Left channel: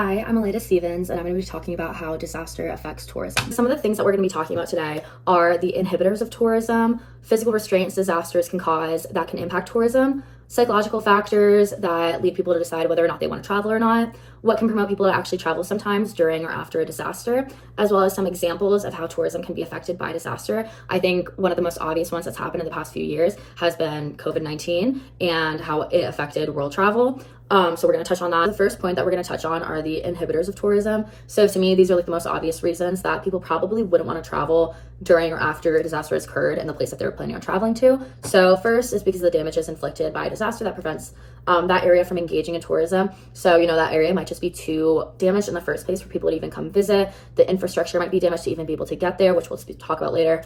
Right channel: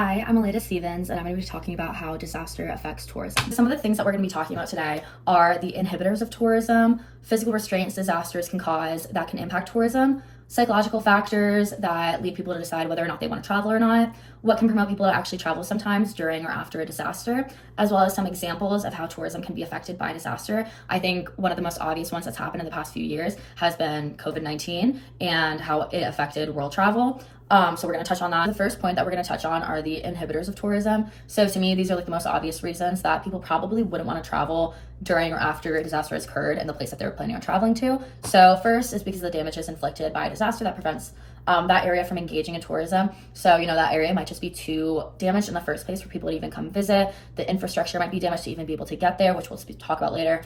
Hi, I'm Aleda Stevens, and I'm going to be talking about how disaster affects tourism. Some of the things that we're going to be talking about today are the inhibitors of tourism, physical restraints disasters can cause that can impact tourism, psychological factors that lead people to decide whether or not they want to travel or not, what can promote people to actually travel sometimes during or after a disaster, as well as some examples of how tourism can be affected by disaster. I think one of the most obvious ones that's happened in the past few years has been COVID-19 and how it affected world travel. So we're going to touch on that. The first point that we're going to touch on are the inhibitors of tourism. So to me, these are like the most obvious reasons that people probably wouldn't want to travel during or after a disaster has occurred in the place that they were planning on traveling to. So first is because of the damages inflicted by a disaster that prevents that area from engaging in tourism. So, that area might just be too damaged in the first place for people to even come visit. The infrastructure might be damaged to even be able to get there, which we'll talk about later.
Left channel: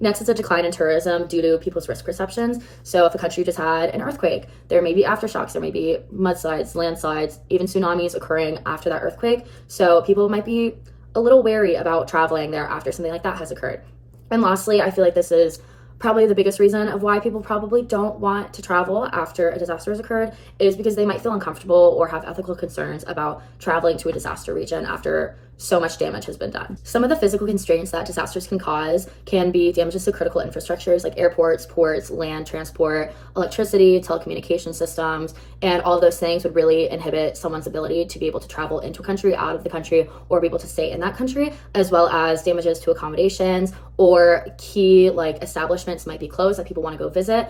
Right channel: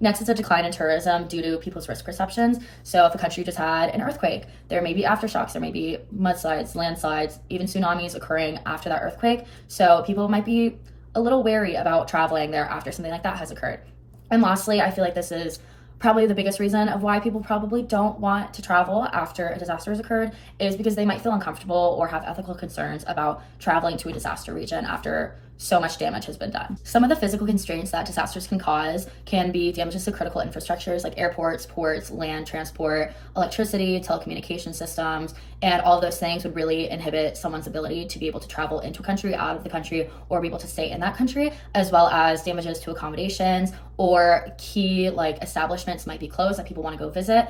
Next is a decline in tourism due to people's risk perceptions. So if a country just had an earthquake, there may be aftershocks, there may be mudslides, landslides, even tsunamis occurring after that earthquake. So people might be a little wary about traveling there after something like that has occurred. And lastly, I feel like this is probably the biggest reason of why people probably don't want to travel after a disaster has occurred is because they might feel uncomfortable or have ethical concerns about traveling to a disaster region after so much damage has been done. Some of the physical constraints that disasters can cause can be damages to critical infrastructures like airports, ports, land transport, electricity, telecommunication systems, and all of those things would really inhibit someone's ability to be able to travel into a country, out of the country, or be able to stay in that country, as well as damages to accommodations or key establishments might be closed that people want to go visit.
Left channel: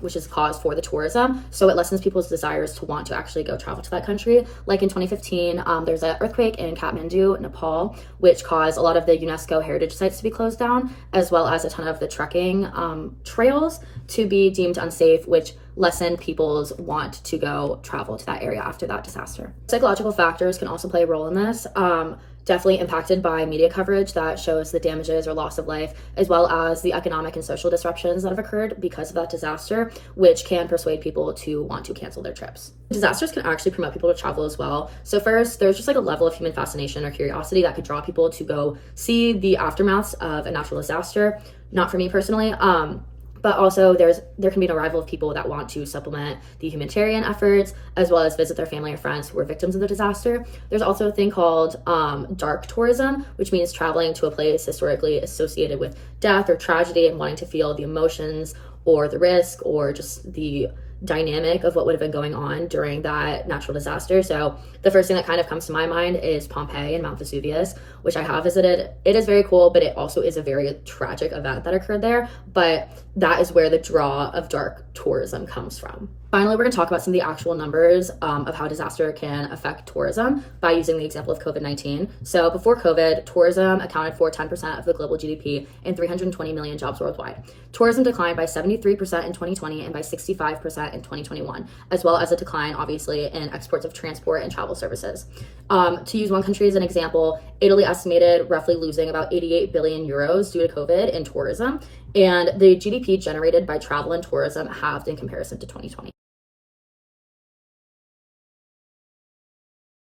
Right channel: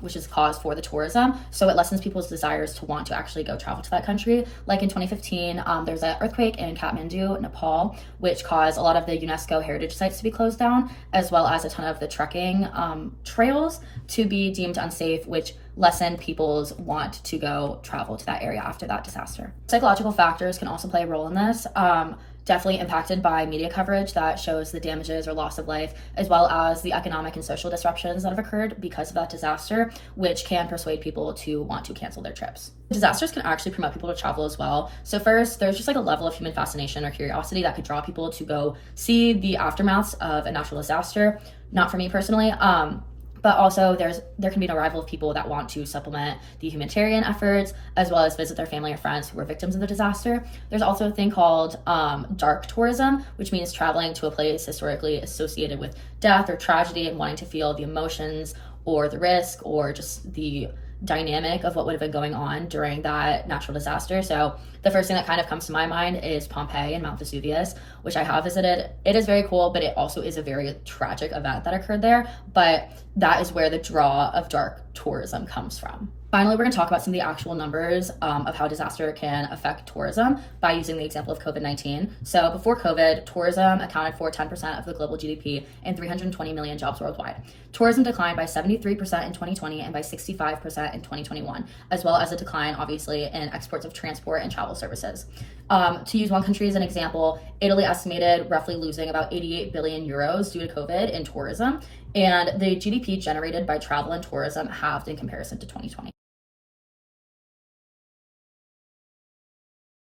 Which is cause for the tourism. So it lessens people's desires to want to actually go travel to that country. Like in 2015, there's an earthquake in Kathmandu, Nepal, which caused a lot of the UNESCO heritage sites to be closed down, as well as a ton of the trekking trails to be deemed unsafe, which lessened people's want to go travel to that area after that disaster. Psychological factors can also play a role in this. Definitely impacted by media coverage that shows the damages or loss of life, as well as the economic and social disruptions that have occurred because of that disaster, which can persuade people to want to cancel their trips. Disasters can actually promote people to travel as well. So first, there's just a level of human fascination or curiosity that could draw people to go see the aftermaths of a natural disaster. Not for me personally, but also there can be an arrival of people that want to supplement the humanitarian efforts, as well as visit their family or friends who were victims of the disaster. There's also a thing called dark tourism, which means traveling to a place historically associated with death or tragedy and wanting to feel the emotions or the risk or just the dynamic of what would have been going on during that natural disaster. So the first thing that kind of comes to my mind is Pompeii and Mount Vesuvius, which I have visited. It is very cool, but it also is a very tragic event that occurred there. But that is where the draw of dark tourism comes from. Finally, we're going to talk about some of the actual numbers of how disaster can affect tourism by using the example of COVID-19. So before COVID, tourism accounted for 10% of the global GDP and 320 million jobs worldwide. Tourism declined by 73% in 2020 and by 65% in 2021, as well as a decline, obviously, in exports of transport and travel services. To use one country as an example, Italy estimated roughly losing about 88 billion euros due to COVID in tourism, and the GDP generated by travel and tourism halved in comparison to 2020.